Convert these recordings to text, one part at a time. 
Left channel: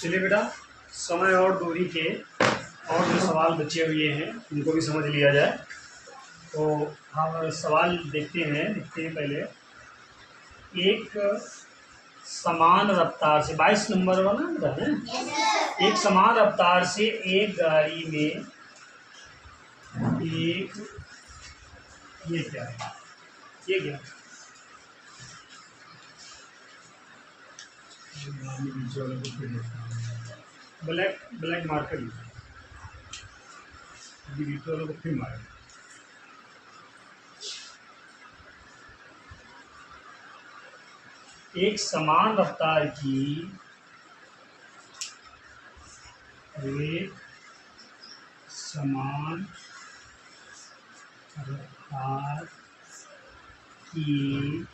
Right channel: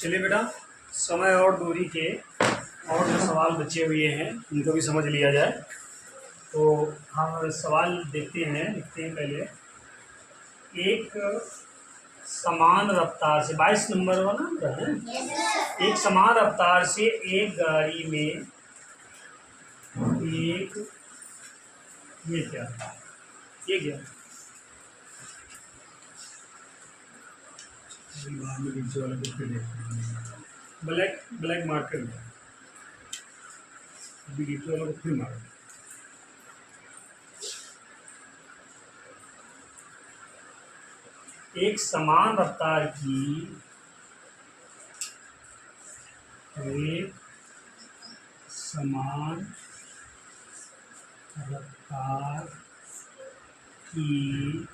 चलिए बेटा, समय और दूरी के और जो सवाल बचे हुए हैं उनको भी समझ लिया जाए। तो हम सवाल देखते हैं, लिखते हैं पहले। एक समान रफ्तार से 22 नंबर वाला बेटा है। एक समान रफ्तार से एक गाड़ी में एक ये क्या है, ये क्या ब्लैक ब्लैक मार्कर वालों को फिर मारे। एक समान रफ्तार की एक समान रफ्तार की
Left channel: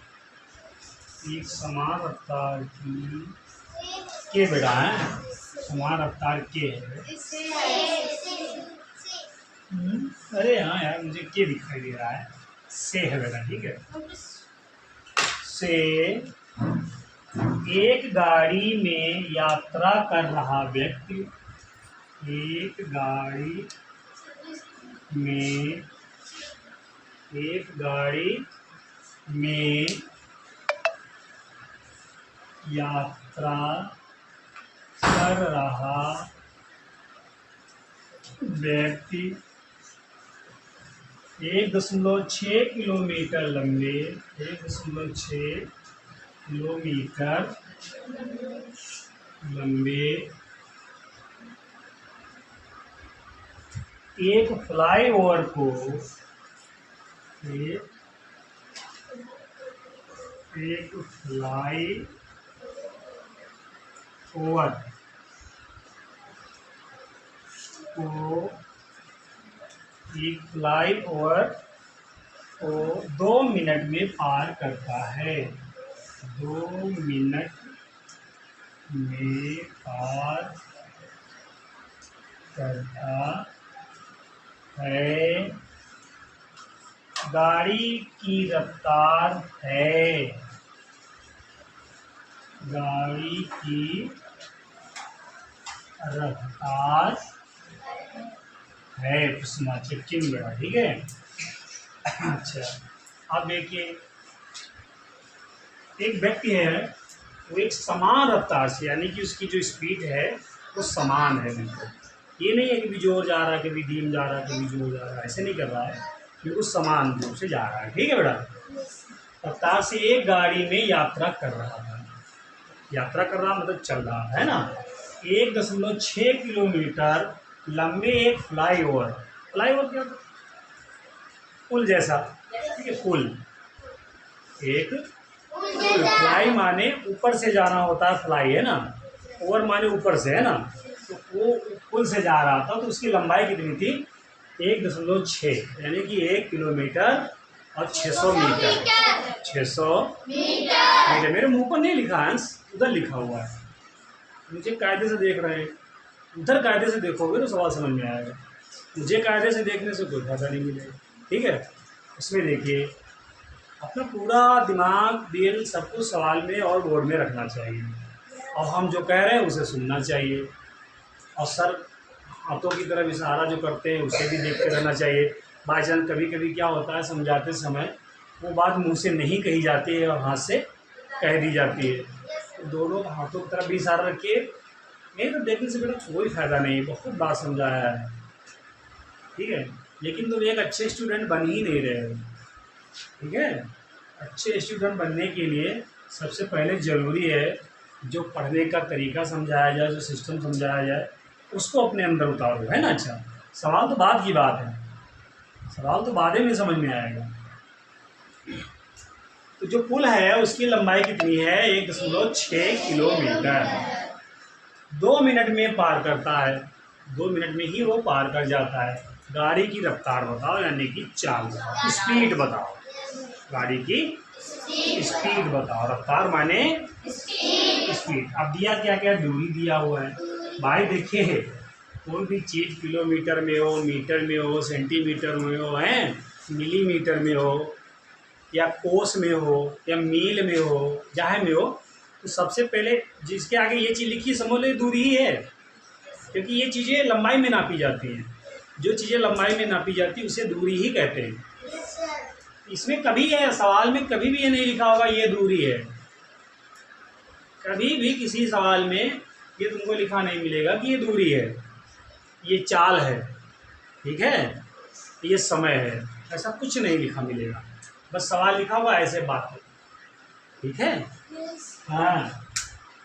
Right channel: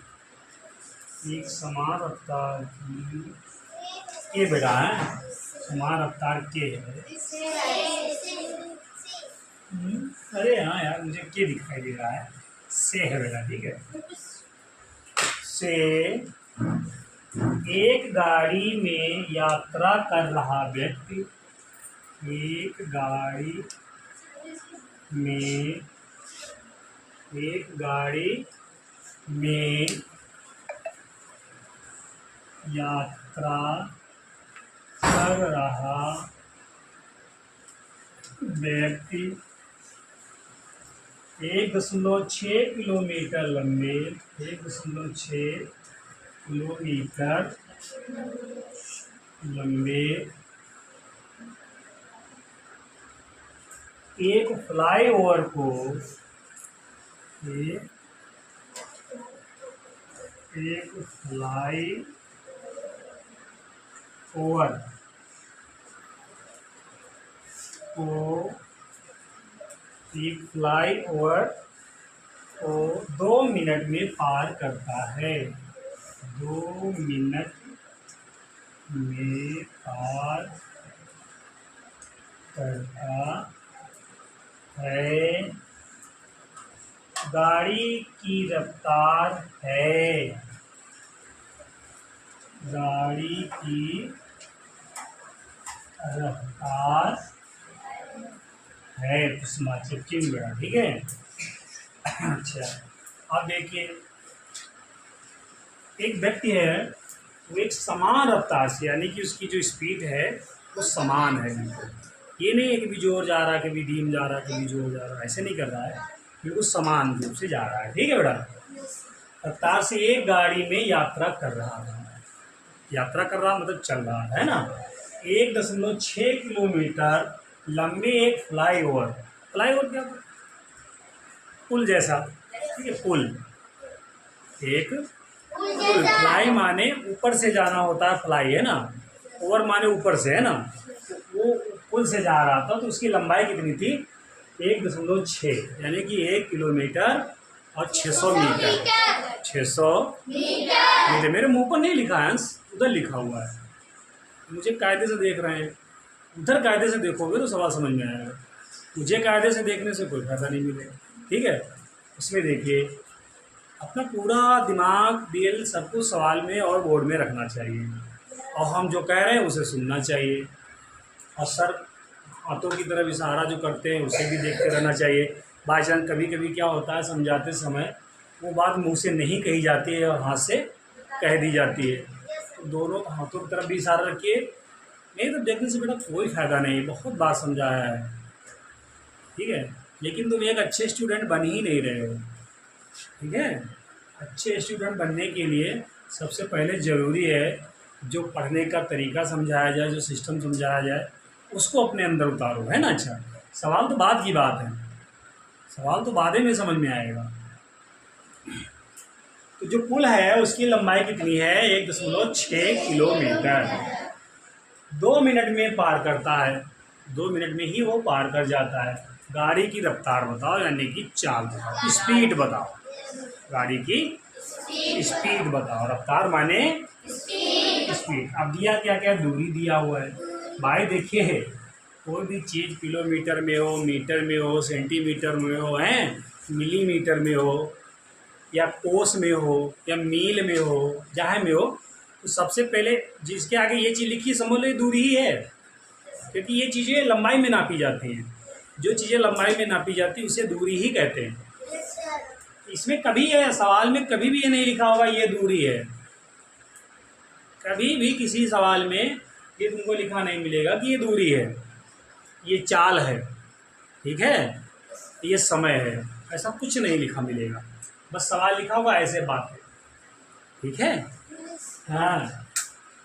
एक समान रफ्तार की के बेटा है, समान रफ्तार के है। अरे हाँ यार, मुझे के दिखाई दे रहा है, से है बेटा, ठीक है। से एक गाड़ी में यात्रा कर रहा व्यक्ति, एक गाड़ी में यात्रा कर रहा व्यक्ति 1.6 किलोमीटर लंबे 1.6 किलोमीटर लंबे एक फ्लाईओवर को एक फ्लाईओवर को 2 मिनट में पार करता है। 2 मिनट में पार करता है। गाड़ी की रफ्तार है, गाड़ी की रफ्तार है, चिपचिंग बेटा, ठीक है। अच्छा, अब देखिए, एक व्यक्ति है, वो एक समान रफ्तार से, यानी कि उसकी जो स्पीड है वो समान है बिल्कुल। ये नहीं है कि कभी जोर जा रहा है, कभी धीम जा रहा है, कभी जोर जा रहा है, ऐसे नहीं कर रहा है, बिल्कुल समान रूप से जा रहा है, ठीक है बेटा। रफ्तार से एक गाड़ी में यात्रा कर रहा था, यात्रा कर रहा मतलब चल रहा है ना। 1.6 किलोमीटर लंबे एक फ्लाईओवर, फ्लाईओवर क्या था, पुल जैसा, ठीक है, पुल, एक पुल। फ्लाई माने ऊपर से जाना होता है, फ्लाई है ना, ओवर माने ऊपर से, है ना। तो वो पुल से जा रहा था, तो उसकी लंबाई कितनी थी, 1.6, यानी कि 1 किलोमीटर और 600 मीटर, 600 मीटर। मेरे मुंह पर नहीं लिखा है, उधर लिखा हुआ है, मुझे कायदे से देख रहे हैं, उधर कायदे से देखोगे तो सवाल समझ में आएगा। मुझे कायदे से देखने से कोई फायदा नहीं मिलेगा, ठीक है। उसमें देखिए, अपना पूरा दिमाग, दिल, सब कुछ सवाल में और बोर्ड में रखना चाहिए, और हम जो कह रहे हैं उसे सुनना चाहिए, और सर हाथों की तरफ इशारा जो करते हैं उसे भी देखते रहना चाहिए। बाई चांस कभी कभी क्या होता है, समझाते समय वो बात मुंह से नहीं कही जाती है और हाथ से कह दी जाती है, तो दोनों हाथों की तरफ भी इशारा रखिए। नहीं तो देखने से बेटा कोई फ़ायदा नहीं, बहुत बात समझाया है, ठीक है, लेकिन तुम एक अच्छे स्टूडेंट बन ही नहीं रहे हो, ठीक है। अच्छे स्टूडेंट बनने के लिए सबसे पहले ज़रूरी है जो पढ़ने का तरीका समझाया जाए, जो सिस्टम समझाया जाए, उसको अपने अंदर उतारो, है ना। अच्छा, सवाल तो बाद की बात है, सवाल तो बाद में समझ में आएगा। तो जो पुल है उसकी लंबाई कितनी है, 1.6 किलोमीटर, 2 मिनट में पार करता है, 2 मिनट में ही वो पार कर जाता है। गाड़ी की रफ्तार बताओ, यानी कि चाल बताओ, स्पीड बताओ, गाड़ी की स्पीड बताओ, रफ्तार माने स्पीड। अब दिया क्या क्या, दूरी दिया हुआ है भाई। देखिए, कोई भी चीज़ किलोमीटर में हो, मीटर में हो, सेंटीमीटर में हो, हैं, मिलीमीटर में हो, या कोस में हो, या मील में हो, जहाँ में हो, तो सबसे पहले जिसके आगे ये चीज़ लिखी समझ लो ये दूरी ही है, क्योंकि ये चीज़ें लंबाई में नापी जाती हैं। जो चीज़ें लंबाई में नापी जाती है उसे दूरी ही कहते हैं। इसमें कभी है सवाल में कभी भी ये नहीं लिखा होगा ये दूरी है, कभी भी किसी सवाल में ये तुमको लिखा नहीं मिलेगा कि ये दूरी है, ये चाल है, ठीक है, ये समय है, ऐसा कुछ नहीं लिखा मिलेगा। बस सवाल लिखा होगा ऐसे बात है, ठीक है। हाँ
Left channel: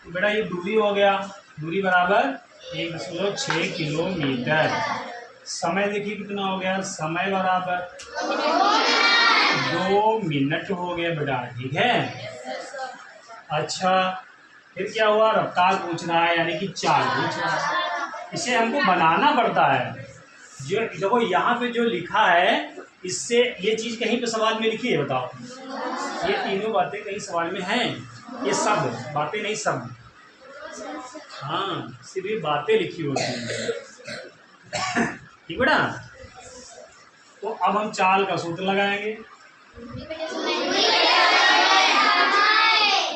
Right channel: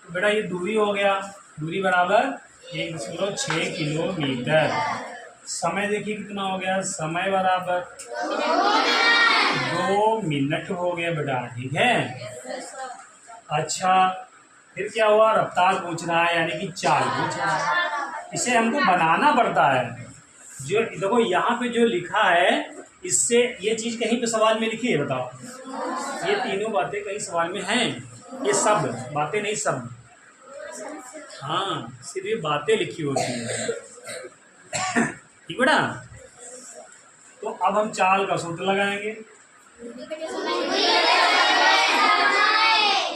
तो बेटा ये दूरी हो गया, दूरी बराबर 1.6 किलोमीटर। समय देखिए कितना हो गया, समय बराबर 2 मिनट हो गया बेटा, ठीक है। अच्छा फिर क्या हुआ, रफ्तार पूछ रहा है यानी कि चाल पूछ रहा है, इसे हमको बनाना पड़ता है। जो देखो यहाँ पे जो लिखा है इससे ये चीज़ कहीं पे सवाल में लिखी है बताओ, ये तीनों बातें कहीं सवाल में हैं, ये शब्द बातें नहीं शब्द, हाँ सिर्फ ये बातें लिखी होती हैं, ठीक बेटा। तो अब हम चाल का सूत्र लगाएंगे,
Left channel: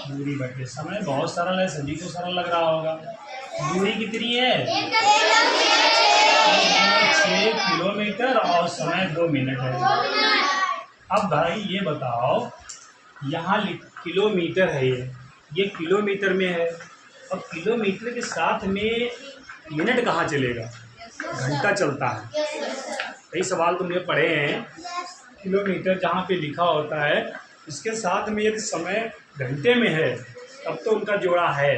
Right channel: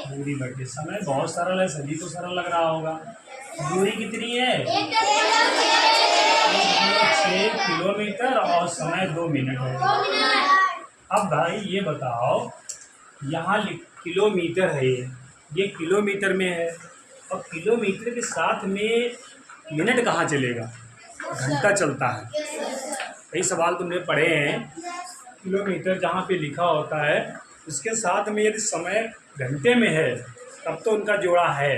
दूरी बटे समय। बहुत सरल है, सभी को सरल लग रहा होगा। दूरी कितनी है 6 किलोमीटर और समय 2 मिनट है। अब भाई ये बताओ यहाँ किलोमीटर है, ये किलोमीटर में है, और किलोमीटर के साथ में मिनट कहाँ चलेगा, घंटा चलता है। कई सवाल तुमने पढ़े हैं, किलोमीटर जहाँ पे लिखा होता है इसके साथ में यदि समय घंटे में है तब तो उनका जोड़ा है,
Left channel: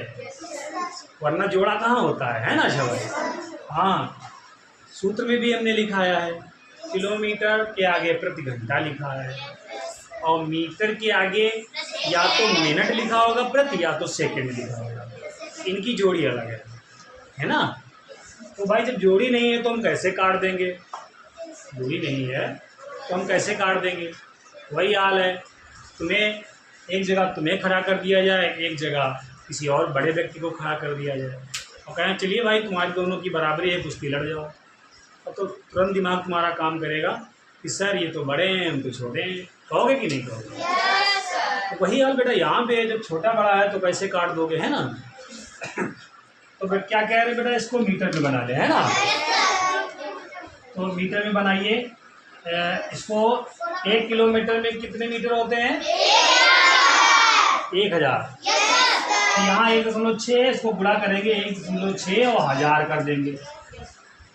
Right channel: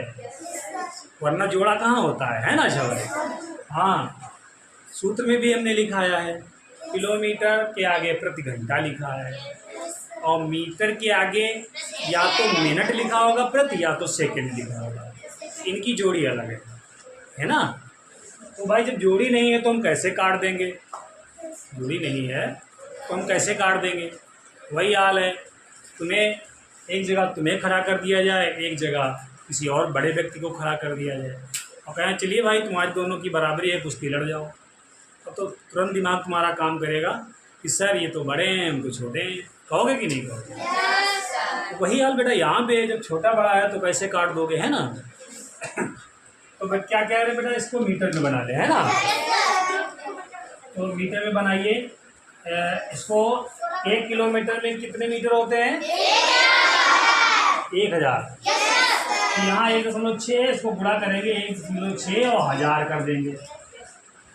वरना जोड़ा कहाँ होता है ना शब्द। हाँ सूत्र में भी हमने लिखाया है, किलोमीटर के आगे प्रति घंटा लिखा है, और मीटर के आगे या तो मिनट लिखा होगा प्रति, या तो सेकंड लिखा होगा, इनकी जोड़ी अलग है ना। तो भाई जब जोड़ी नहीं है तो हम कैसे काट देंगे, जोड़ी नहीं है तो हम कैसे काट देंगे। वही हाल है, तुम्हें एक जगह तुम्हें खड़ा कर दिया जाए, एक जगह किसी और बड़े व्यक्ति को खड़ा कर दिया जाए, और कहें चलिए भाई तुम्हारी दोनों की बराबरी है, कुश्ती लड़ जाओ। अब तो तुरंत दिमाग तुम्हारा काम करेगा कि सर ये तो बड़े हैं हम तो छोटे हैं, कहोगे कि नहीं कहोगे। तो वही हाल बेटा यहाँ पे, जब छोटा बड़ा है तो कैसे काट दोगे, है ना। तो फिर क्या कह रहे बेटा, इसको मीटर में बना ले, है ना। तो मीटर में बनाइए इसको। 1 किलोमीटर में कितने मीटर होते हैं 1000। तो यहाँ 1.6 इसको गुणा करेंगे 1.6 और 1000 कर देंगे।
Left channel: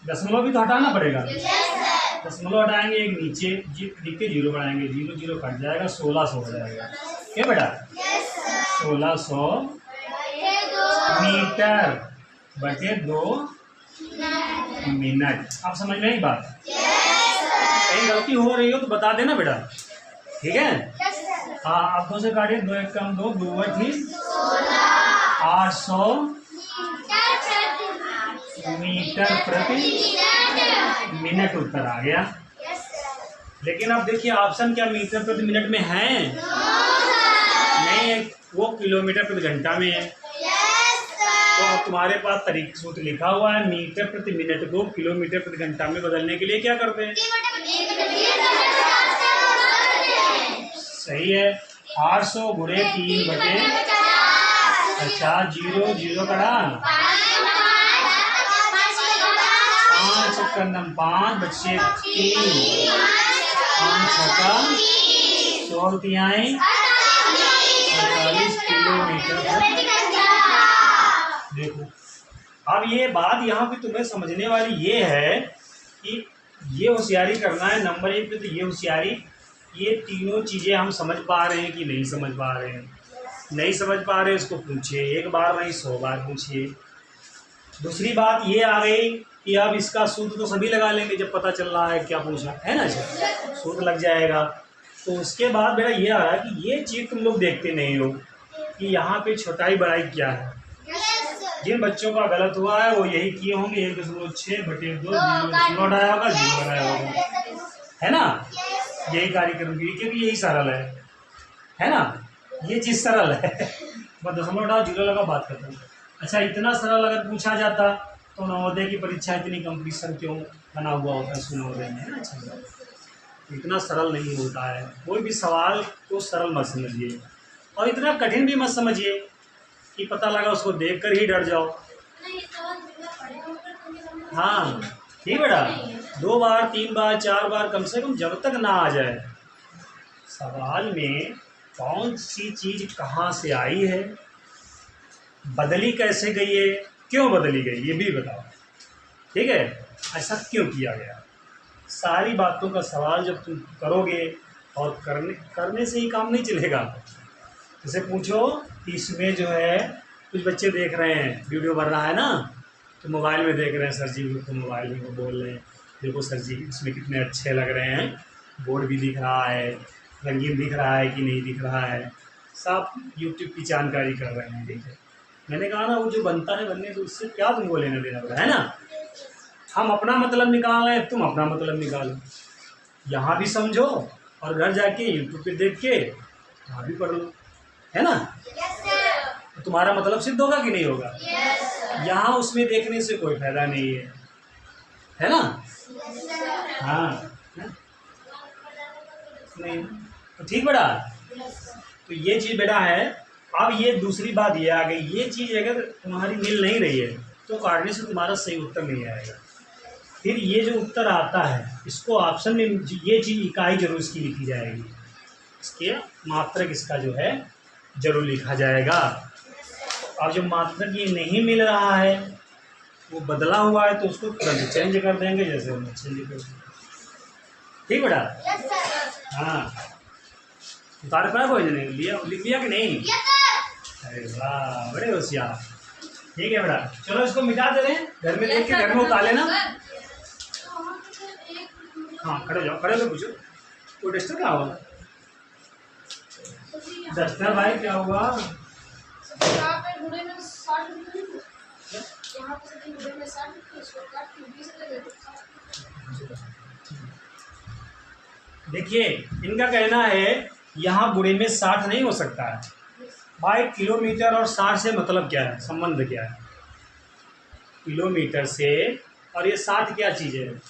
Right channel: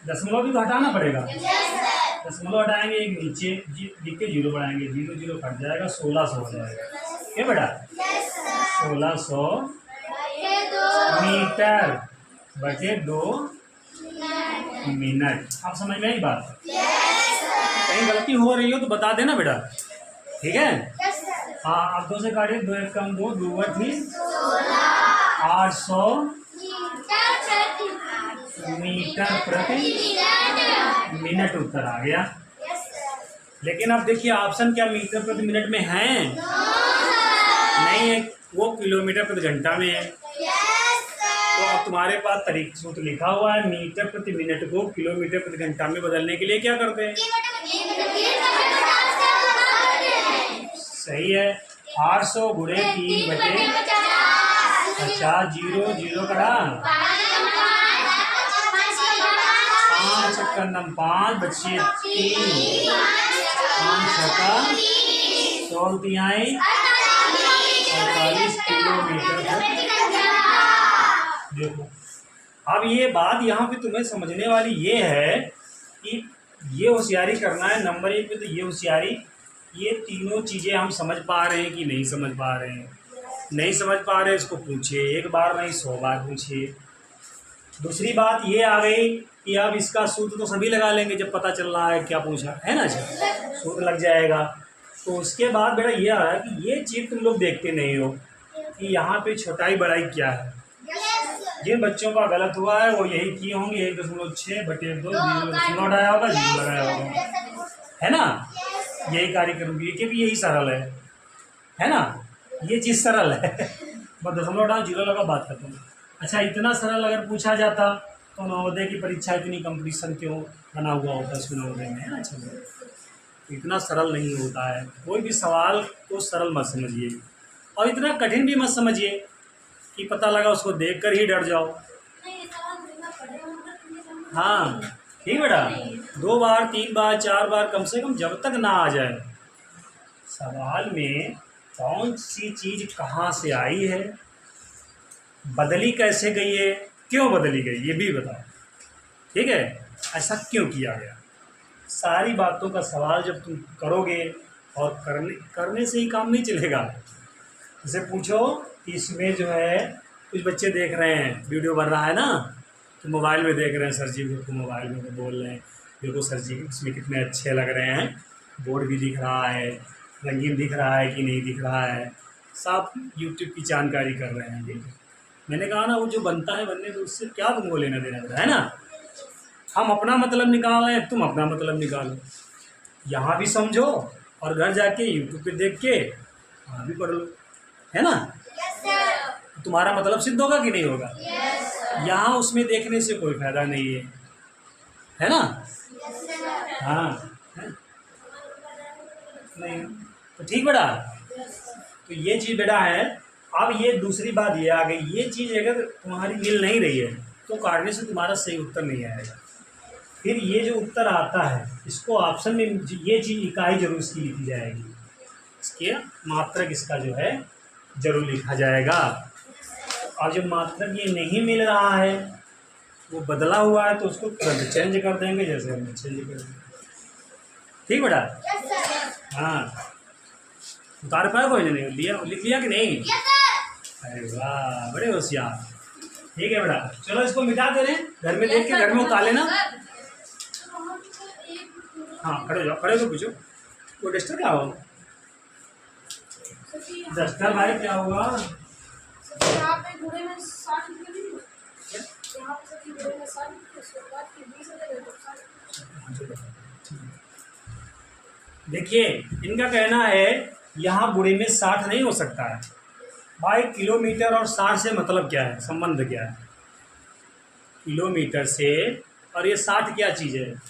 दशमलव भी तो हटाना पड़ेगा, दशमलव हटाएंगे, एक नीचे लिख के 0 बढ़ाएंगे, 0 0 कट जाएगा, 1600 हो जाएगा। क्या बेटा 1600 मीटर बटे 2 मिनट। आप समझ में आई बात, कहीं गलती हो रही हो तो बता देना बेटा, ठीक है। हाँ आप 2 से काटिए, 2 1 कम 2, 2 थी 800 मीटर प्रति मिनट उत्तर आ गया। लेकिन अब देखिए ऑप्शन क्या मीटर प्रति मिनट में है, नहीं, वो किलोमीटर प्रति घंटा में है। तो अब तुम्हारे पास तरीका सूत्र लिखा हुआ है, मीटर प्रति मिनट को किलोमीटर प्रति घंटा में बदलने के लिए क्या करते हैं, सही है 800 गुणे 3 बटे 50, 0 0 कड़ा 5 छक्का 5 बच्चे 3 5 छक्का 100 तिहाई 48 किलोमीटर। देखो अब ये बात यहाँ पे तुम्हें समझने वाली ये है कि ये होशियारी करना है नंबर 1 पे। तो ये होशियारी, ये तीनों चीज़ें हम समझ पा रहे हैं कि नहीं समझ पा रहे हैं, नहीं समझ पा रहे इसको पूछिए, एक बार नहीं 100 बार पूछिए। दूसरी बात ये आ गई कि अब इसका सूत्र तो सभी लगा लेंगे जब पता चल रहा है क्या पूछा है ना, सूत्र लग जाएगा। तो उसके बाद बेटा ये आ रहा है कि ये चीज़ तुम लोग देखते नहीं हो कि यहाँ पे छोटाई बड़ाई क्या है। जिन बच्चों का गलत हुआ है वो यही किए होंगे, 1.6 बटे 2 0 हटाया होगा, 0 लगाया होगा, है ना। यही कार्य करूँगी क्योंकि यही सरल है ना, ये चीज़ सरल है। बस दशमलव हटाओ 0 लगा, बात करता हूँ। अच्छा इतना सरल अगर पूछा जाता तो नवोदय की परीक्षा इतनी कंपटीशन क्यों बना हुआ होता है नवोदय में, है ना। अच्छा इतना सरल नहीं होता है, कोई भी सवाल को सरल मत समझिए और इतना कठिन भी मत समझिए। कि पता लगा उसको देख कर ही डर जाओ। हाँ ठीक बेटा, 2 बार 3 बार 4 बार कम से कम, जब तक ना आ जाए सवाल में कौन सी चीज़ कहाँ से आई है, बदली कैसे गई है, क्यों बदली गई, ये भी बताओ। ठीक है, ऐसा क्यों किया गया, सारी बातों का सवाल जब तुम करोगे, और करने से ही काम नहीं चलेगा। जैसे पूछो कि इसमें जो है, कुछ बच्चे देख रहे हैं वीडियो बन रहा है ना, तो मोबाइल में देख रहे हैं, सर जी को मोबाइल में वो बोल रहे हैं, देखो सर जी इसमें कितने अच्छे लग रहे हैं, बोर्ड भी दिख रहा है, रंगीन दिख रहा है कि नहीं दिख रहा है, सब यूट्यूब की जानकारी कर रहे हैं। ठीक है, मैंने कहा ना, वो जो बनता है बनने तो उससे क्या तुमको लेना देना पड़ा है ना। हम अपना मतलब निकाल रहे हैं, तुम अपना मतलब निकालो, यहाँ भी समझो और घर जाके यूट्यूब पे देख के वहाँ भी पढ़ लो, है ना। तो तुम्हारा मतलब सिद्ध होगा कि नहीं होगा। यहाँ उसमें देखने से कोई फायदा नहीं है ना। हाँ है? नहीं तो ठीक बेटा, तो ये चीज़ बेटा है। अब ये दूसरी बात ये आ गई, ये चीज़ अगर तुम्हारी मिल नहीं रही है तो काटने से तुम्हारा सही उत्तर नहीं आएगा। फिर ये जो उत्तर आता है, इसको ऑप्शन में ये चीज़ इकाई जरूर इसकी लिखी जाएगी, इसके मात्रक इसका जो है जरूर लिखा जाएगा। और जो मात्रक ये नहीं मिल रहा है, वो बदला हुआ है, तो उसको तुरंत चेंज कर देंगे, जैसे हमने चेंज कर दिया। ठीक बेटा। हाँ, उतार पाया कोई नहीं लिया, लिख लिया कि नहीं। अरे वाह, बड़े होशियार। ठीक है बेटा, चलो इसको मिटा दे रहे हैं, घर में देख के घर में उतार लेना। हाँ खड़े जाओ, खड़े हो पूछो, वो डस्टर क्या हुआ, डस्टर भाई क्या हुआ। यहाँ पे घोड़े में 60 रुपये नहीं थे, यहाँ पे सभी घोड़े में 60 रुपये, इसको काट के 20 लगे तो 60। देखिए इनका कहना है यहाँ बुढ़े में 60 नहीं हो सकता है भाई। किलोमीटर और 60 से मतलब क्या है, संबंध क्या है किलोमीटर से, और ये 60 क्या चीज़ है,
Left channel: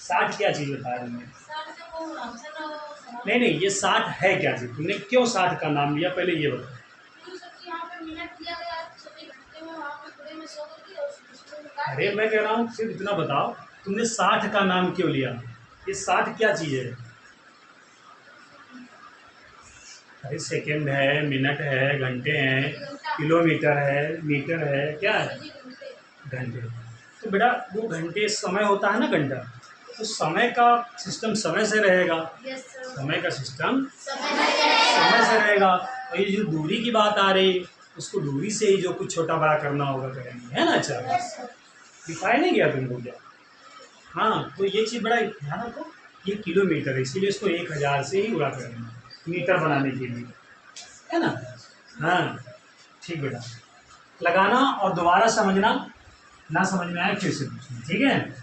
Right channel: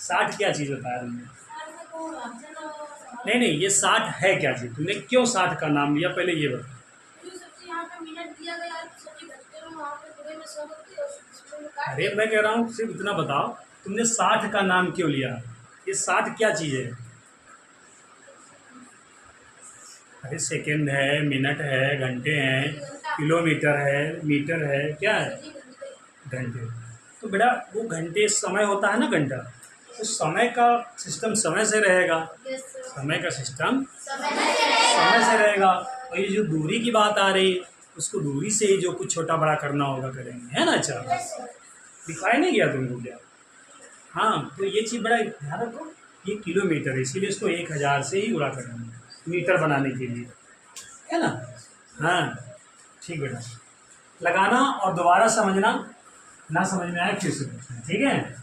60 क्या चीज़ बताया तुमने। नहीं नहीं, ये 60 है क्या चीज़, तुमने क्यों 60 का नाम लिया, पहले ये बताओ। अरे मैं कह रहा हूँ सिर्फ इतना बताओ, तुमने 60 का नाम क्यों लिया, ये 60 क्या चीज़ है। अरे सेकंड है, मिनट है, घंटे हैं, किलोमीटर है, मीटर है, क्या है, घंटे। तो बेटा वो घंटे समय होता है ना, घंटा, तो समय का सिस्टम समय से रहेगा, समय का सिस्टम समय से रहेगा। और ये जो दूरी की बात आ रही, उसको दूरी से ही जो कुछ छोटा बड़ा करना होगा करेंगे, है ना। अच्छा दिखाई नहीं गया तुमको क्या। हाँ, तो ये चीज़ बड़ा ध्यान रखो, ये किलोमीटर है, इसीलिए इसको 1000 से ही उड़ा करेंगे मीटर बनाने के लिए, है ना। हाँ ठीक बेटा, लगाना और दोबारा समझना, ना समझ में आया फिर से पूछना, ठीक है।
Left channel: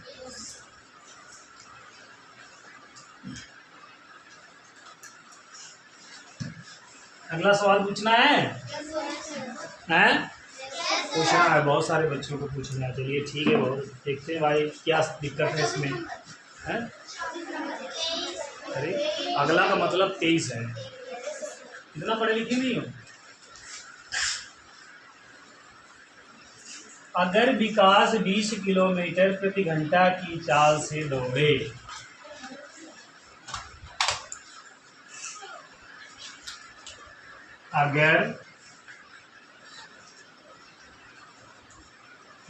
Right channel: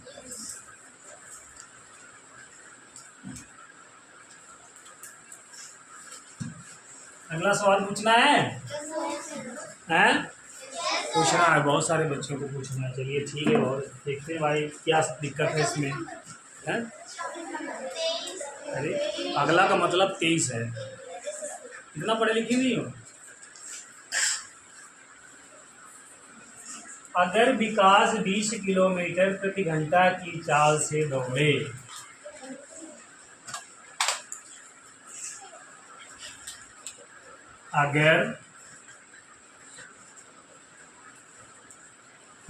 अगला सवाल पूछना है, हैं पूछना है, बहुत सारे बच्चों को पूछना है। चलिए ठीक है, बहुत देखते हैं भाई क्या दिक्कत है इसमें, है। अरे अगला का मतलब 23 है, इतना पढ़े लिखे नहीं हो। अगर विकास 20 किलोमीटर प्रति घंटा की चाल से दौड़े, अगर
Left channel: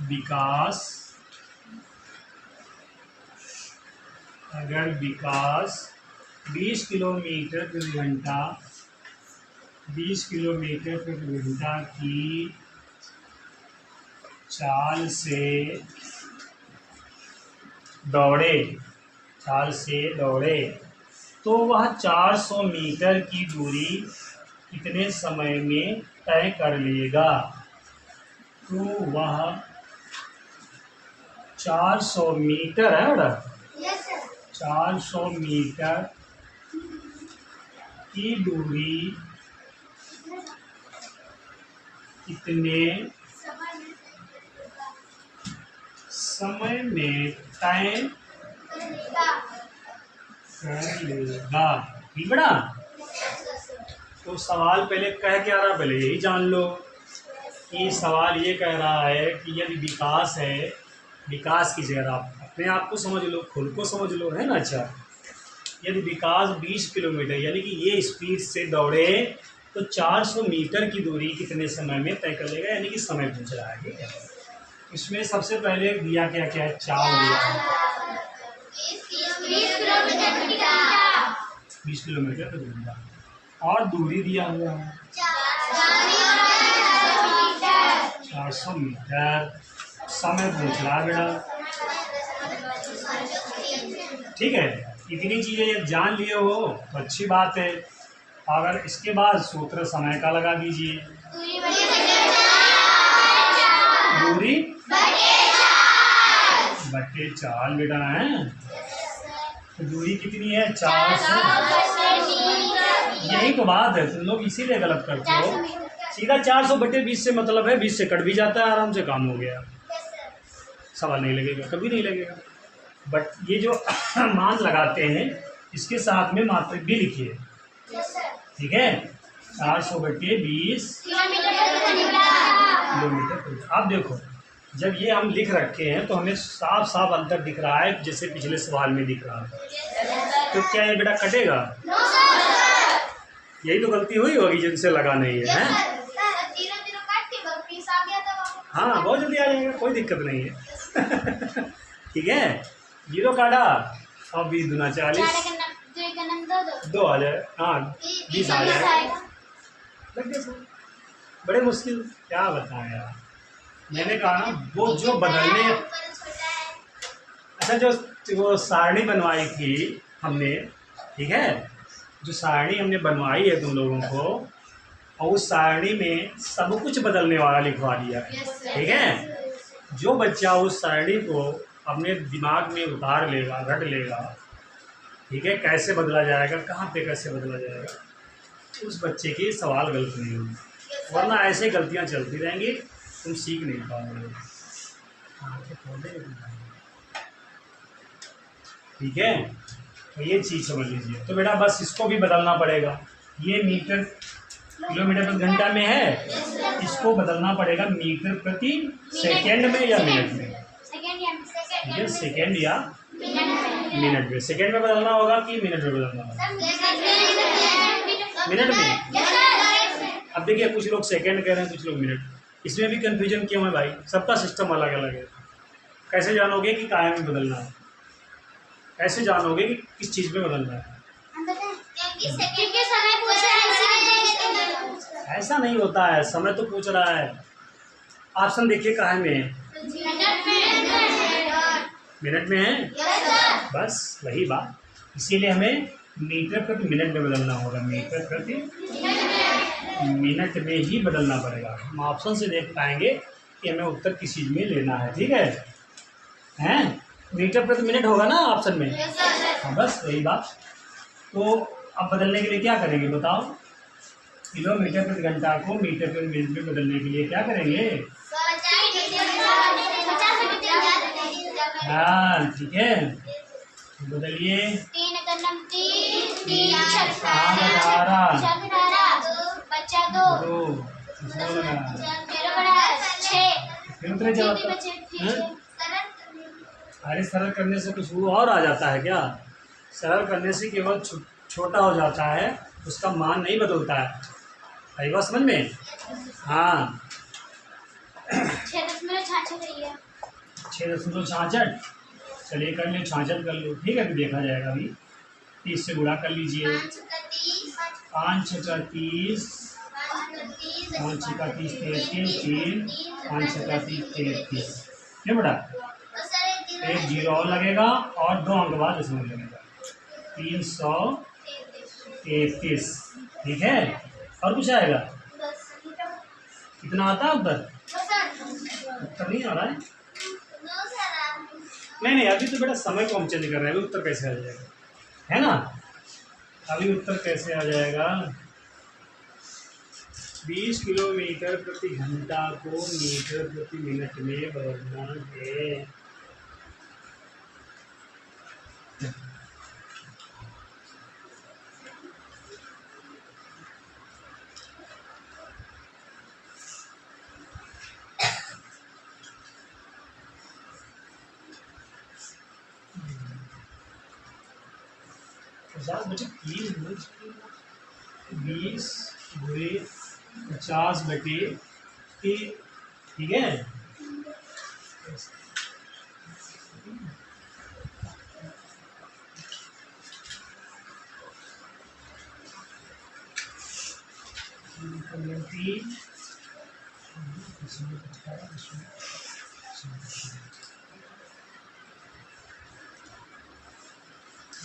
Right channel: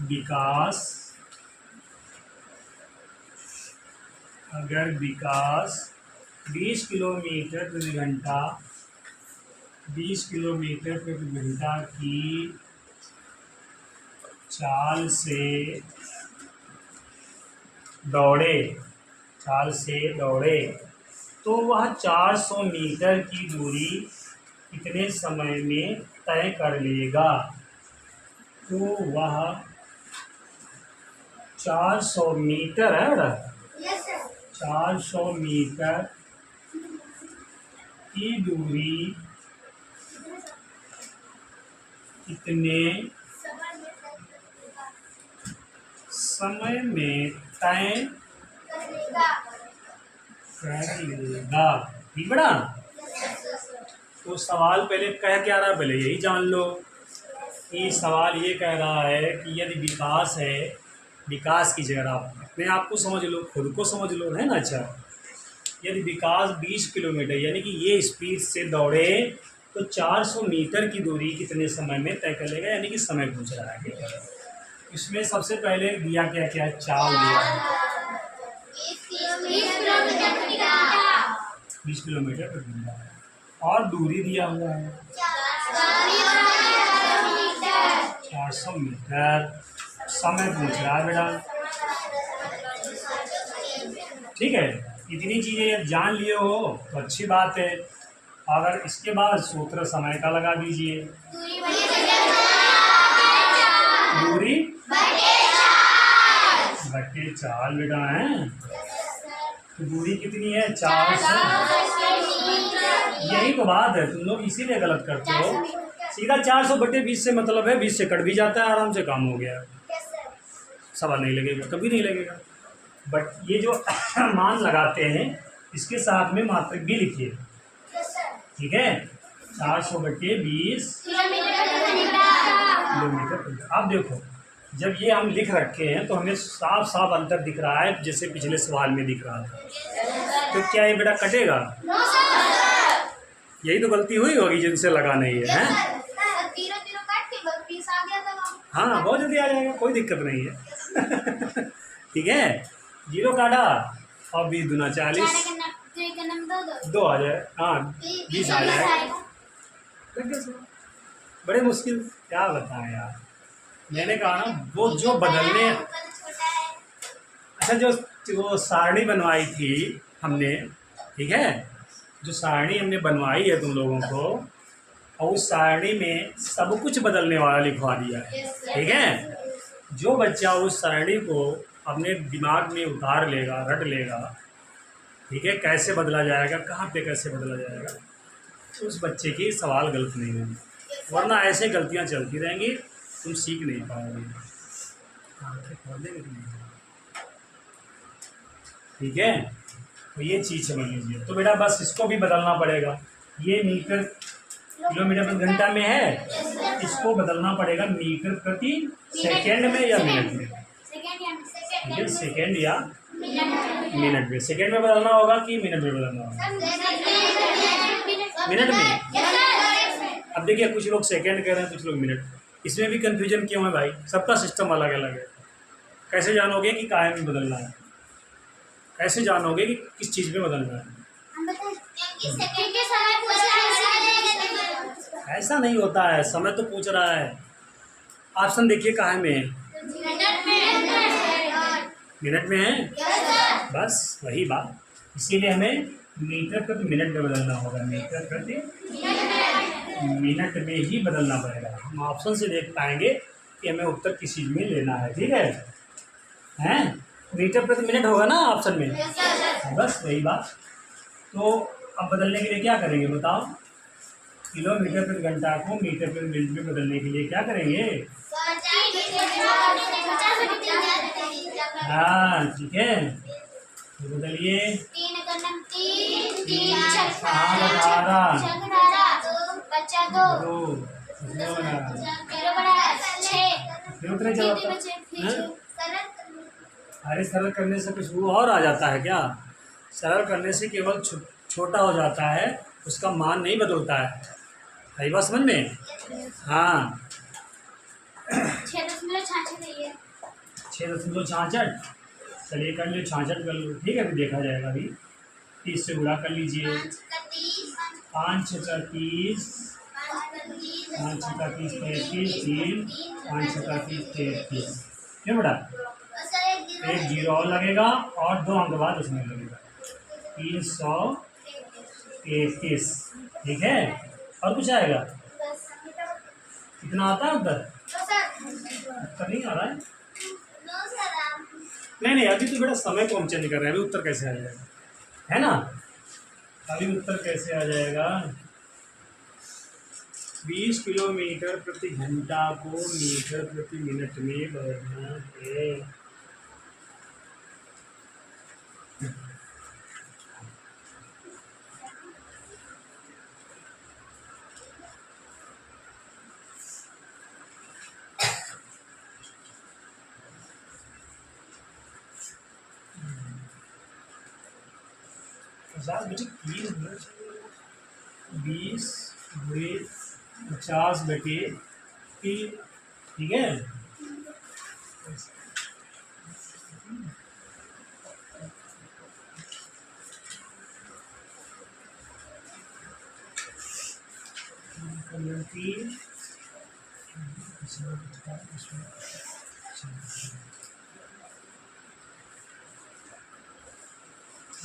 विकास 20 किलोमीटर प्रति घंटा 20 किलोमीटर प्रति घंटा की चाल से दौड़े तो वह 400 मीटर की दूरी कितने समय में तय कर लेगा। तो वह 400 मीटर है बेटा, 400 मीटर की दूरी कितने समय में तय कर लेगा। ठीक बड़ा, तो सवाल पहले कह क्या रहा, पहले यही जान लो कि सवाल ये कह रहा है कि यदि विकास है, विकास की जगह आप अपने आप को समझ लो, खुद को समझ लो, है ना। अच्छा, यदि विकास 20 किलोमीटर यानी कि ये स्पीड से दौड़े तो 400 मीटर की दूरी कितने समय में तय कर लेगा, यानी कि समय पूछ रहा है। ठीक है, इसमें सबसे पहले दिया क्या क्या है, चाल दिया है 20 किलोमीटर प्रति घंटा, और दूरी दिया हुआ है 400 मीटर, समय पूछ रहा है बेटा। ठीक है, इतनी चीज़ें जब जान लिए हो तो अच्छी बात है। अगर इसके बाद सूत्र समय का लगा दीजिए, दूरी बट्टे चाल बेटा है, तो दूरी कितनी है, 400। यही तो बात है, तुम लोग इसीलिए गलत करते हो। सीधा 400/20 से मतलब है 20 से कट भी जाता है, आराम से काम हो गया, सवाल नहीं लगेगा, कभी नहीं लगेगा। बट ये जो मान लगाते हैं इसके साथ में मात्रक भी लिखिए। ठीक है, 400/20 किलोमीटर। आप देखो, जब ये हम लिख रखे हैं तो हमें साफ साफ अंतर दिख रहा है, जैसे पिछले सवाल में दिख रहा था। तो क्या ये बेटा कटेगा? यही तो गलती हुई होगी जिनसे लगा नहीं है, हैं? हाँ, बहुत जल्दी आ जाएगा, कोई दिक्कत नहीं है। ठीक है, 0 काटा और 20 दूना 40, 2 आ जाए, हाँ 20 आ जाए। बड़े मुश्किल, क्या बताएं यार। मैंने कहा ना, वो जो बदलने, अच्छा जो वो सारणी बनवाई थी हमने, ठीक है, जो सारणी हमने बनवाई है तुम लोगों को, और उस सारणी में सब कुछ बदलने वाला लिखवा दिया है। ठीक है, जो बच्चा उस सारणी को अपने दिमाग में उतार लेगा, रट लेगा, ठीक है, कैसे बदला जाएगा, कहाँ पे कैसे बदला जाएगा, उस बच्चे के सवाल गलत नहीं होंगे। वरना ऐसे गलतियाँ चलती रहेंगी, तुम सीख नहीं पाओगे। ठीक है, तो ये चीज़ समझ लीजिए। तो बेटा बस इसको भी बदलना पड़ेगा, ये मीटर किलोमीटर प्रति घंटा में है, इसको बदलना पड़ेगा मीटर प्रति सेकेंड में या मिनट में। ठीक है, सेकेंड या मिनट में। सेकेंड में बदलना होगा कि मिनट में बदलना होगा? मिनट में। अब देखिए, कुछ लोग सेकेंड कह रहे हैं, कुछ लोग मिनट। इसमें भी कन्फ्यूजन क्यों है भाई? सबका सिस्टम अलग अलग है। कैसे जानोगे कि कायम में बदलना है? कैसे जानोगे कि किस चीज़ में बदलना है? ऐसा नहीं होता है, समय तो पूछ रहा है। ऑप्शन देखिए कहाँ में है, मिनट में है। बस वही बात, इसीलिए हमें मीटर प्रति मिनट में बदलना होगा, मीटर प्रति मिनट में ही बदलना पड़ेगा। हम ऑप्शन से देख पाएंगे कि हमें उत्तर किस चीज़ में लेना है। ठीक है, हैं? मीटर प्रति मिनट होगा ना ऑप्शन में? हाँ, बस वही बात। तो अब बदलने के लिए क्या करेंगे बताओ? किलोमीटर प्रति घंटा को मीटर प्रति मिनट में बदलने के लिए क्या करेंगे? हाँ, ठीक है, तो बदलिए। 2 फिर उतरे जवाब। अरे सरल करने से कुछ वो और आ जाता है क्या? सरल करने से केवल छोटा हो जाता है, उसका मान नहीं बदलता है। आई बात समझ में? हाँ, 6.66। चलिए कर लो, 66 कर लो। ठीक है, अभी देखा जाएगा। अभी 30 से गुणा कर लीजिए। 5 का 30, 5 का 30 33, 3 5 का 30 33। क्यों बेटा? एक 0 और लगेगा और 2 अंक बाद दशमलव लगेगा, 333। ठीक है, और कुछ आएगा? कितना आता है उत्तर? उत्तर नहीं आ रहा है? नहीं, अभी तो बेटा समय को हम चेंज कर रहे हैं, अभी उत्तर कैसे आ जाएगा, है ना? अभी उत्तर कैसे आ जाएगा? 20 किलोमीटर प्रति घंटा को मीटर प्रति मिनट में बदलना है। 50 बटे 3 20 गुणे 50 बटे 3, ठीक है।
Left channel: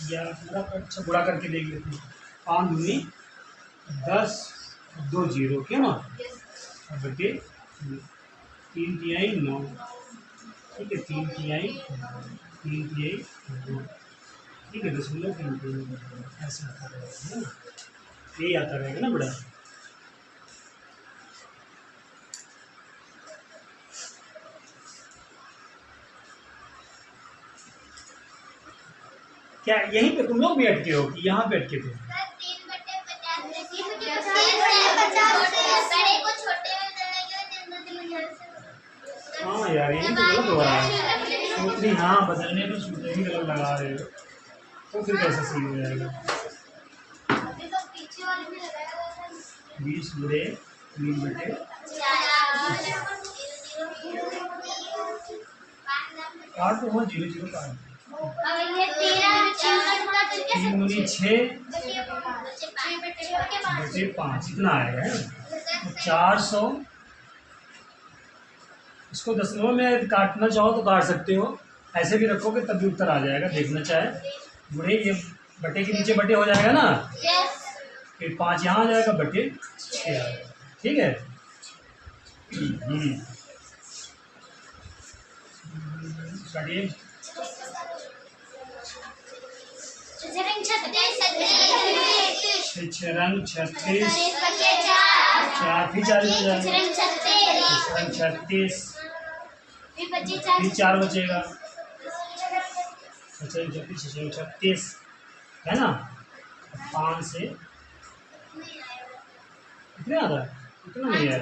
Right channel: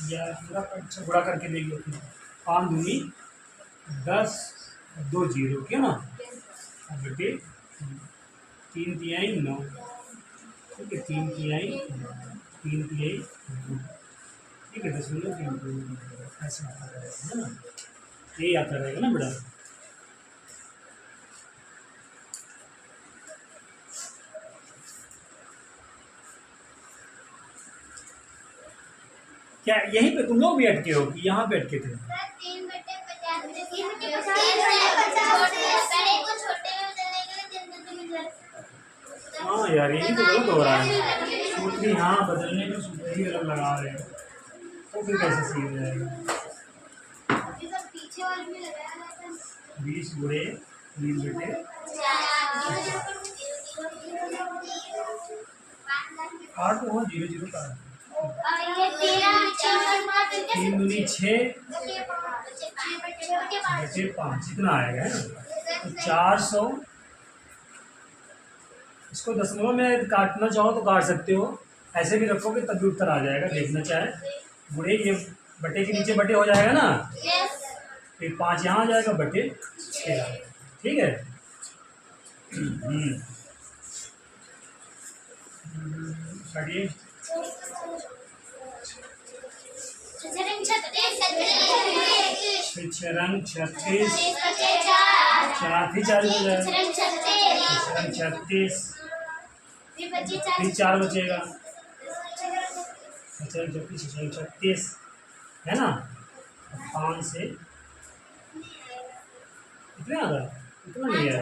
या अच्छा गुणा करके देख लेते हैं। 5 दूनी 10, 2 0, क्या ना, बटे 3 तिहाई 9, ठीक है। 3 तिहाई 2, ठीक है। 0.3 ऐसा आता रहेगा, है ना, यही आता रहेगा ना बड़ा। क्या यहीं पे तुम लोग भी अटके हो कि यहाँ पे अटके थे? हाँ यार, यही तो गलत हो रहा है। सूत्री हाँ बदलने में सूत्र ही गलत लगा रहे हो, तो फिर कैसे सही हो जाएगा? 20 गुणे 3 बटे 8 तो हुआ 0 0 का 3 दूनी 6 बटे 5 इतना आएगा, है ना। तो 400, इसको दशमलव में काटना चाहो तो काट सकते हो, ऐसे भी रखोगे तब भी उत्तर आ जाएगा, देखना चाहे। गुणे ये बटे के नीचे बटे हो जाएगा ना, फिर 5 यहाँ आ जाएगा, बटे 6 आ जाएगा, ठीक है। काटिए। 6 रंग 36, 4 फिर 4 हो जाएगा, 36, फिर 4 बचेगा, 36 है ना। 5 से कितने आता है? इतना नहीं है।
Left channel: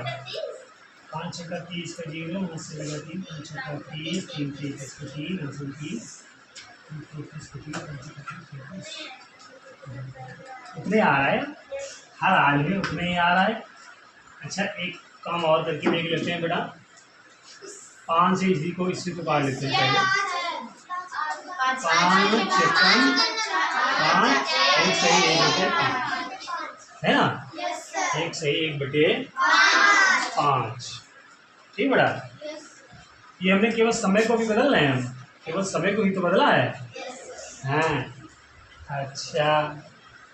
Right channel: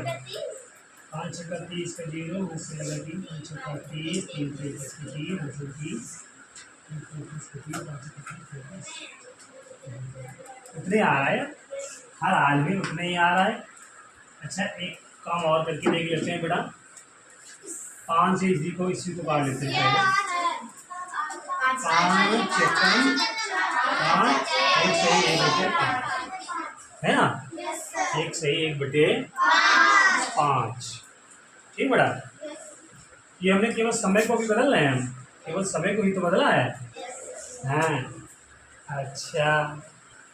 5 6 का 30 का 0, 5 से लगा 3, 5 6 का 30, 3 3 का 3, 8 से 30, 34 का 3, 5 का 30, उतने आ रहा है, हर हाल में उतने ही आ रहा है। अच्छा, एक काम और करके देख लेते हैं बेटा। 5 से इसी को काट लेते हैं पहले। 5 चक्कन 5, एक सही 1 बटे 5, है ना, एक सही 1 बटे 5, ठीक बेटा। ये हमने केवल समय को भी बदल रहे हैं, हम केवल समय को ही तो बदला है। हाँ अच्छा,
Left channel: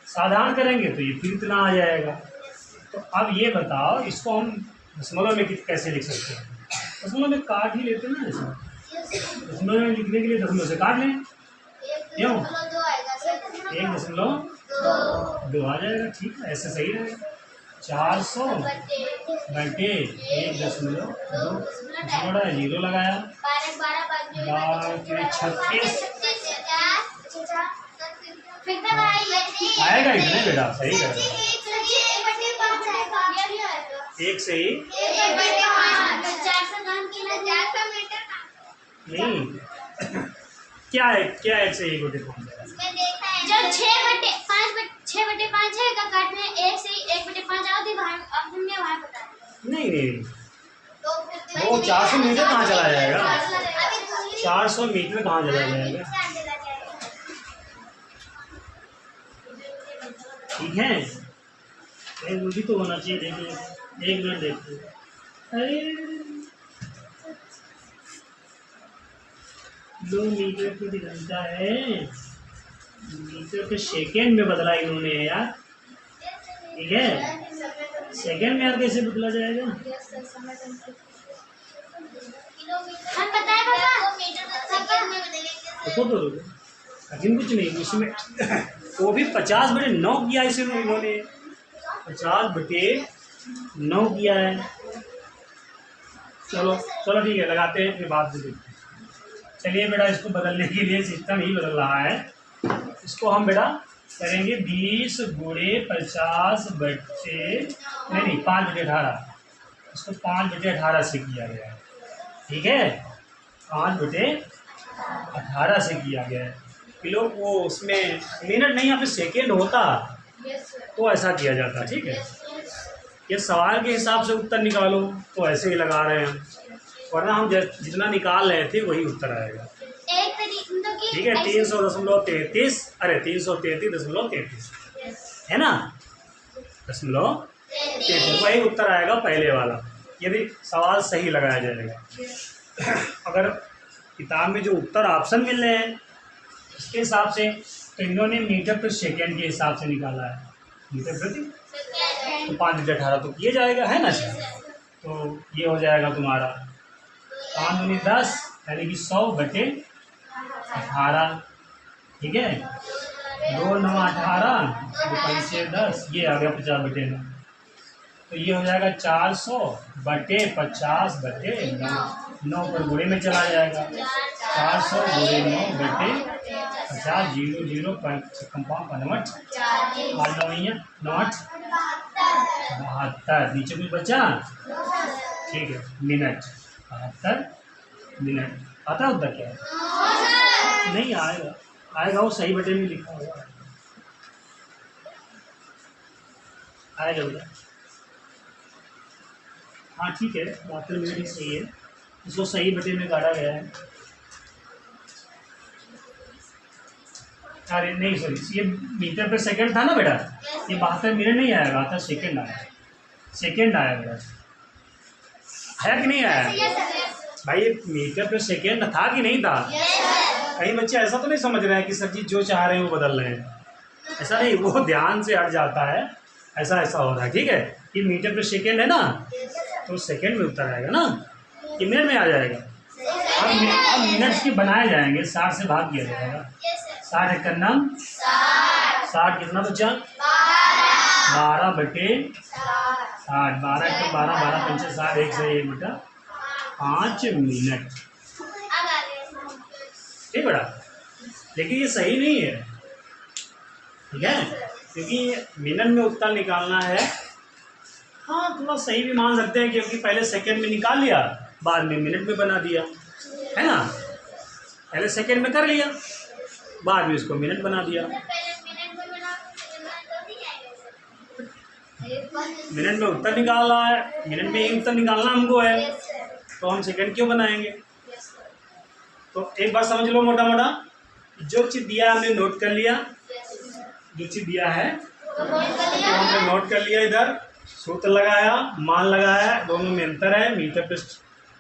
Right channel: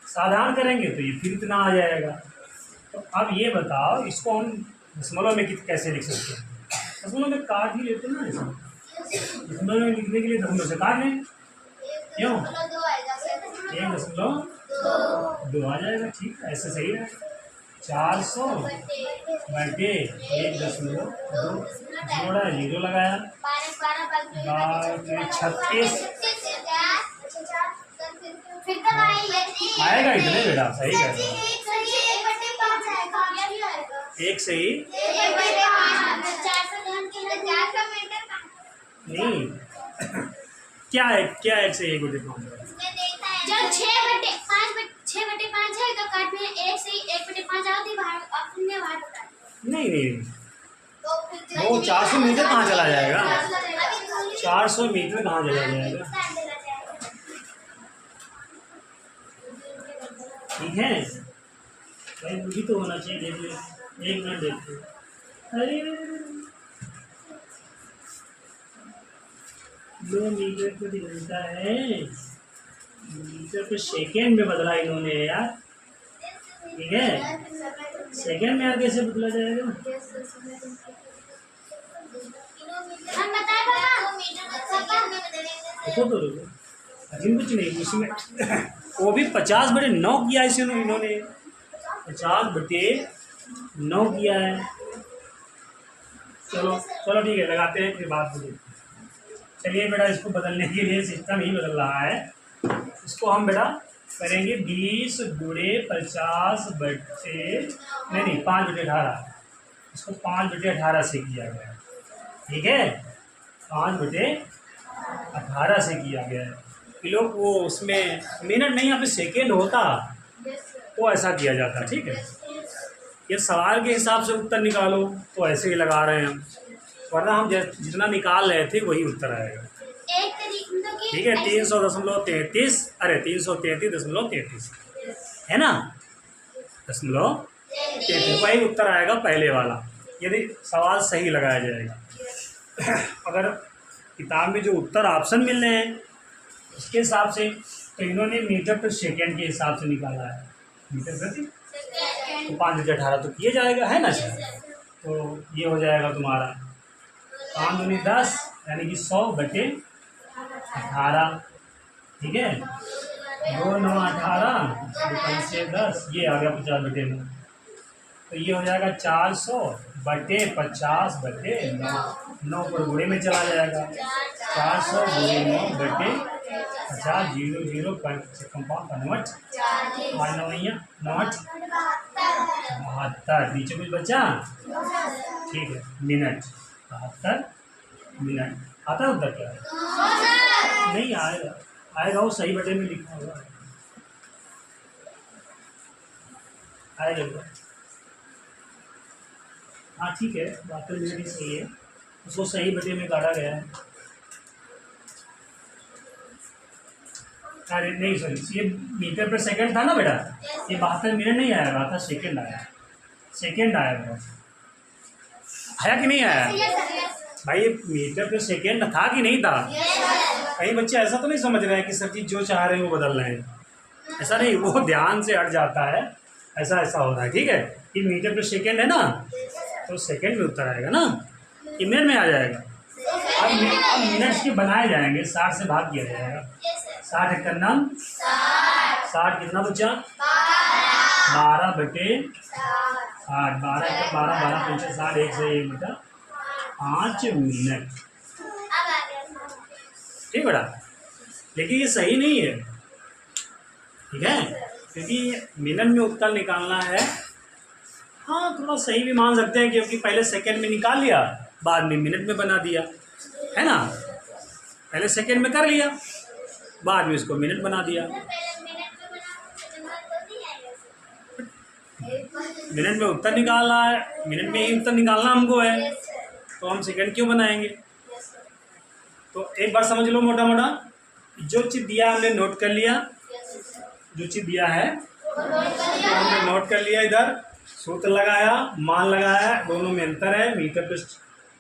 साधारण करेंगे तो ये फिर इतना आ जाएगा। तो अब ये बताओ, इसको हम दशमलव में कैसे लिख सकते हैं? दशमलव में काट ही लेते ना, ऐसा दशमलव में लिखने के लिए दशमलव से काट लें, क्यों? 1.2 आ जाएगा, ठीक है, ऐसे सही रहेगा। 400 बटे 1.2, 0 लगाया, 36 आएगा इतने बेटा, सही है। 1 से ही नहीं, क्या है, क्या 1 से 1 बटे 5 है? जब 6 बटे 5 है का काटने 1 से 1 बटे 5 आती है, अब तुमने वहां बता नहीं, वो 400 मीटर कहाँ चला जाएगा? 400 मीटर कहाँ चला जाएगा? ठीक है, वो भी तो होना चाहिए, देख ले, 1 मिनट देखते। अरे किलोमीटर प्रति घंटा है, मीटर के सेकेंड में बदला इन्होंने यार, ठीक है। सेकेंड में यार कैसे बदला जाएगा? देखो तो लेकिन कुछ नहीं उसमें, वो भी 50 बटे 9 किया है इन्होंने, 50 बटे 9 किया है। चलो चलो ठीक है, लगाते हैं, फिर बाद में देखते हैं। चलिए बेटा, इसको बदलने के लिए सिस्टम ही बदल रहा है। इसको हम बेटा करेंगे 20 गुणे 50 बटे नहीं 5 बटे 18, इसको 5 बटे 18 से किया गया है, ठीक है, 5 बटे 18 से किया गया है। किलो वो उसमें मिनट नहीं, यहाँ पे सेकेंड होता यस सर, तो ऐसा किया जाता। ठीक है, ये सवाल के हिसाब से उत्तर निकालो तो ऐसे ही लगा रहे हैं, वरना हम जितना निकाल रहे थे वही उत्तर आएगा। एक तरीके मतलब कि ठीक है, 300.33, अरे 333.33 है ना, दशमलव 33, वही उत्तर आएगा पहले वाला, यदि सवाल सही लगाया जाएगा। अगर किताब में जो उत्तर ऑप्शन मिल रहे हैं इसके हिसाब से, तो इन्होंने मीटर प्रति सेकेंड के हिसाब से निकाला है, मीटर प्रति तो 5/18 तो किया जाएगा, है ना सर। तो ये हो जाएगा तुम्हारा 5 दूनी 10 यानी कि 100/18। ठीक है, 2 9 18, 2 5 10, ये आ गया 50/9। तो ये हो जाएगा 400/50/9, 9 पर गुणे में चला जाएगा, 400 × 9/50, 0 0 55 8 9 8 72, नीचे कुछ बचा? ठीक है, मिनट 72 मिनट। आता है उत्तर क्या है? नहीं आएगा, आएगा वो सही बटे में लिखा हुआ है, आएगा उधर। हाँ ठीक है, 72 मिनट ही सही है, उसको सही बटे में काटा गया है। अरे नहीं सॉरी, ये मीटर पर सेकंड था ना बेटा, ये 72 मिनट नहीं आया, 72 सेकंड आया, सेकंड आया बेटा, आया कि नहीं आया भाई? ये मीटर पर सेकंड था कि नहीं था? कई बच्चे ऐसा तो नहीं समझ रहे हैं कि सर जी जो चाह रहे हैं वो बदल रहे हैं, ऐसा नहीं, वो ध्यान से हट जाता है, ऐसा ऐसा हो रहा है। ठीक है, ये मीटर पर सेकंड है ना, तो सेकंड में उत्तर आएगा ना, कि मिनट में आ जाएगा। अब मिनट्स के बनाए जाएंगे, 60 से भाग किया जाएगा, 60 एक नम 60, कितना बचा? 12/60, 12 एक 12, 12 पंचे 60, 1 से 1 बटा 5 मिनट। ठीक बेटा, लेकिन ये सही नहीं है, ठीक है, क्योंकि मिनट में उत्तर निकालना है। हाँ थोड़ा सही भी मान सकते हैं, क्योंकि पहले सेकंड में निकाल लिया, बाद में मिनट में बना दिया, है ना, पहले सेकंड में कर लिया, बाद में इसको मिनट बना दिया। मिनट में उत्तर निकालना है, मिनट में ही उत्तर निकालना हमको है, तो हम सेकंड क्यों बनाएंगे? तो एक बात समझ लो, मोटा मोटा जो चीज़ दिया है हमने नोट कर लिया, जो चीज़ दिया है तो हमने नोट कर लिया, इधर सूत्र लगाया, मान लगाया, दोनों में अंतर है, मीटर पर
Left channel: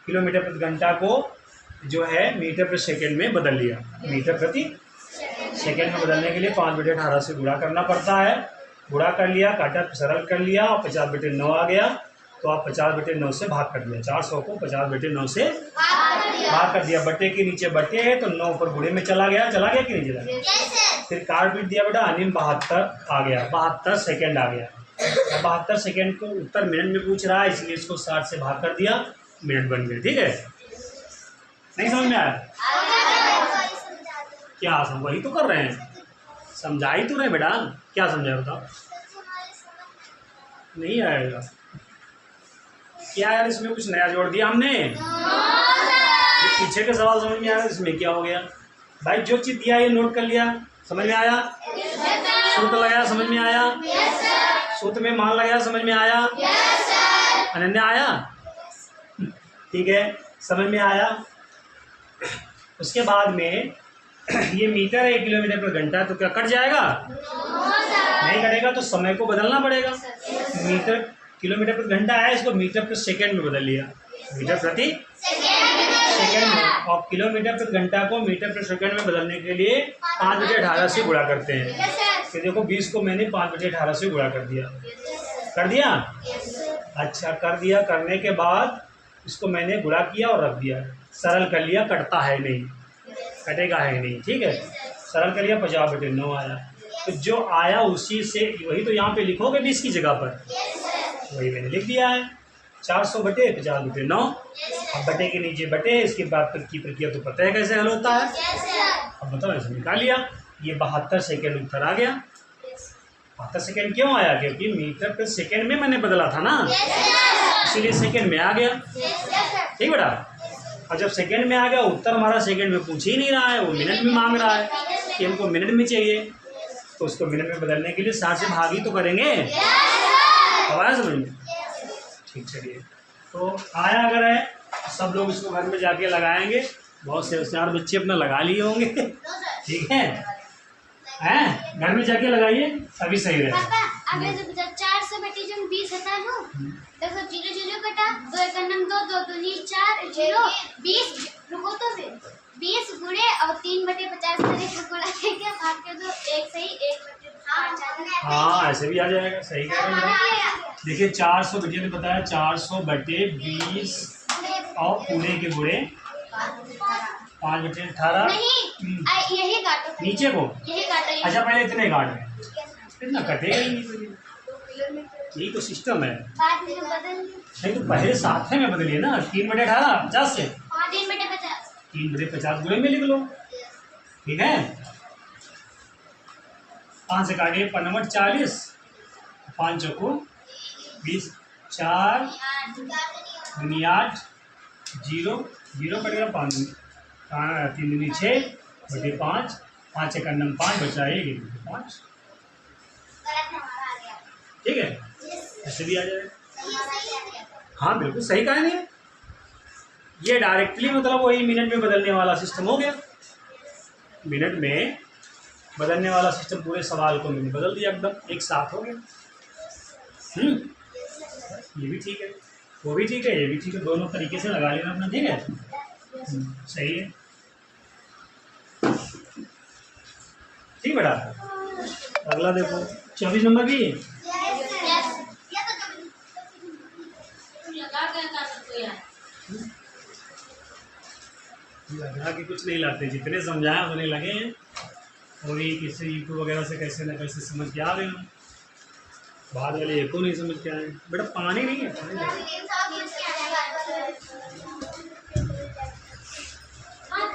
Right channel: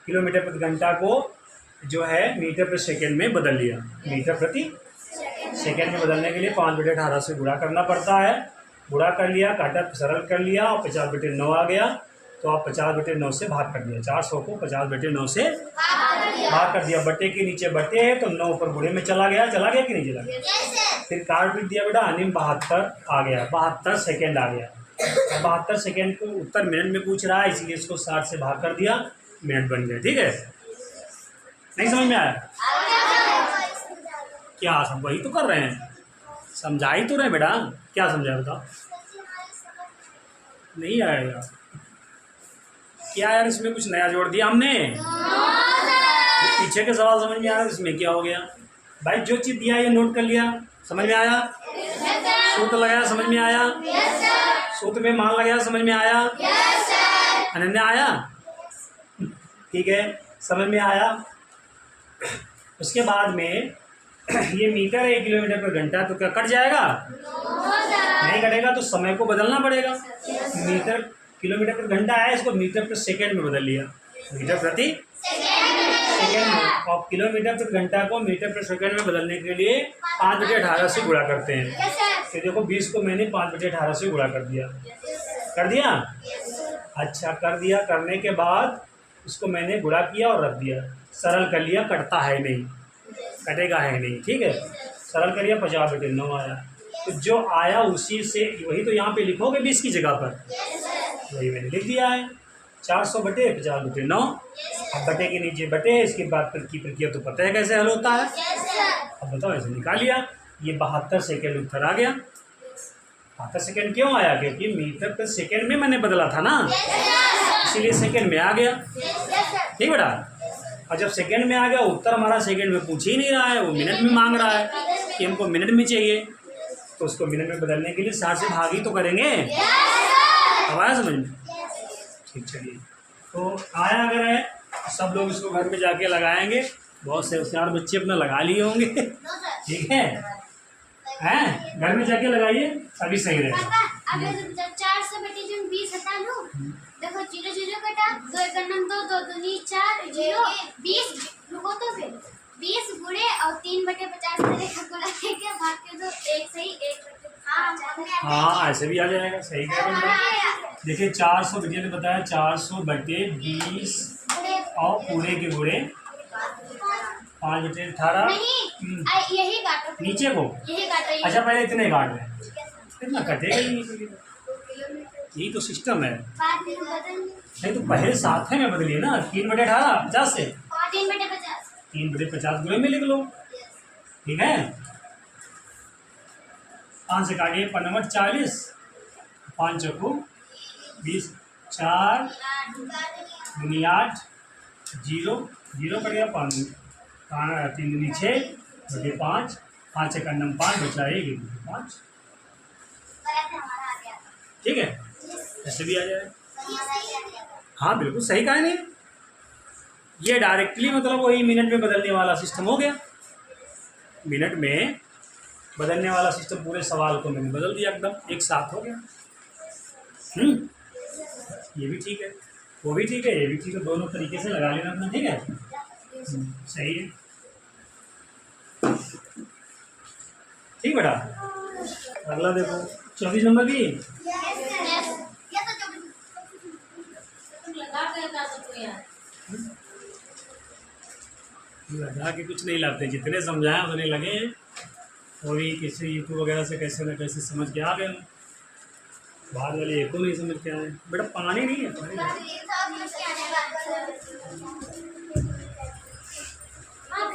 किलोमीटर प्रति घंटा को जो है मीटर प्रति सेकंड में बदल लिया, मीटर प्रति सेकंड में बदलने के लिए 5/18 से गुणा करना पड़ता है, गुणा कर लिया, काटा सरल कर लिया और 50/9 आ गया, तो आप 50/9 से भाग कर दिया, 400 को 50/9 से भाग कर दिया, बटे के नीचे बटे है तो 9 ऊपर गुणे में चला गया कि नहीं चला गया? फिर काट पीट दिया बेटा, अनिल 72 आ गया, 72 सेकंड आ गया। 72 सेकंड को उत्तर मिनट में पूछ रहा है, इसलिए इसको 60 से भाग कर दिया, मिनट बन गया। ठीक है, नहीं समझ में आया? क्या हम वही तो कर रहे हैं, समझा ही तो रहे बेटा, क्या समझाया बताओ? नहीं आएगा क्या यार, इसमें कुछ नया जोड़ दिया हमने? पीछे के सवाल समझ में आ रहा है, इसमें क्या हो गया भाई? जो चीज़ दिया ये नोट कर लिया, समझ में आया? सूत्र लगाया, समझ में आया? सूत्र में मान लगाया, समझ में आया? अनन्य आया? ठीक है, समझ में आया? उसके बाद में ये मीटर है, किलोमीटर पर घंटा, तो क्या कट जाएगा? नहीं कटेगा, तो समय को बदलना पड़ेगा। मीटर किलोमीटर पर घंटा है, इसको मीटर पर सेकंड में बदल लिया, मीटर प्रति सेकंड में, और किलोमीटर पर घंटा को मीटर पर सेकंड में बदलने के लिए 5/18 से गुणा करते हैं। तो देखो 20 को मैंने 5/18 से गुणा कर दिया, कर दिया? अच्छा कर दिया, करने के बाद इसको मैंने गुणा किया और रख दिया, सरल कर लिया, कटता है नहीं, कटेगा है नहीं। ठीक है, सरल कर लिया, 50/9 आया, तो जो आया उसी से वही तो यहाँ पे लिखोगे 20 की जगह पर, वही मैंने लिख दिया है, 400/50/9। अब बटे के नीचे बटे, इसके बाद की प्रक्रिया तो पता है कैसे हल होता है। अब बताओ, ऐसे निकाल लिया, ये 72 सेकेंड उत्तर आ गया। 72 सेकेंड क्यों आया? क्योंकि मीटर पर सेकेंड में मैंने बदला था ना, इसीलिए सेकेंड में आ गया। ठीक बेटा, और जब सेकेंड में आ गया, उत्तर हमारा सेकेंड में पूछ ही नहीं रहा है, वो मिनट में मांग रहा है, कि हमको मिनट में चाहिए, तो उसको मिनट में बदलने के लिए 60 से भाग ही तो करेंगे। अब आया समझ में? ठीक, चलिए। तो आया अगर है, सब लोग इसको घर में जाके लगाएंगे। बहुत से होशियार बच्चे अपना लगा लिए होंगे। ठीक है, हैं? घर में जाके लगाइए, तभी सही रहेगा। अगर 4 से बेटे जन 20 हटा लो, देखो 0 0 कटा, 2 1 2 2 दूनी 4 0 20, रुको तो फिर 20 गुणे और 3/50 करे तो गुणा क्या भाग के दो, एक सही 1/50। हाँ, ऐसे भी आ जाएगा, सही कह रहे हैं। देखिए 400 बेटे ने बताया 400/20 और पूरे के गुणे 5/18। नहीं, यही काटो, नीचे को यही काटो। अच्छा, पहले इतने काट रहे हैं, इतना कटेगा ही नहीं। यही तो सिस्टम है। बाद में बदल नहीं तो पहले साथ में बदलिए ना, 3/18 50 से 3/50। 3/50 गुणे में लिख लो। ठीक है, 5 से काटिए, 5 40, 5 चौको 20, 4 दूनी 8, 0 0 कटेगा 5, 3 दूनी 6/5, 5 1 5 बचा 1 5। ठीक है, ऐसे भी आ जाएगा। हाँ बिल्कुल सही कहा नहीं, ये डायरेक्टली मतलब वही मिनट में बदलने वाला सिस्टम हो गया। मिनट में बदलने वाला सिस्टम पूरे सवाल को मैंने बदल दिया, एकदम एक साथ हो गया। ये भी ठीक है, वो भी ठीक है, ये भी ठीक है, दोनों तरीके से लगा लेना अपना। ठीक है, सही है। ठीक बेटा, अगला देखो 24 नंबर भी लगा के कुछ नहीं लाते, जितने समझाए उतने लगे। और ये किसी यूट्यूब वगैरह से कैसे ना कैसे समझ के आ गए हम। बाद वाले एको नहीं समझ के आए। बेटा पानी नहीं है, पानी हाँ,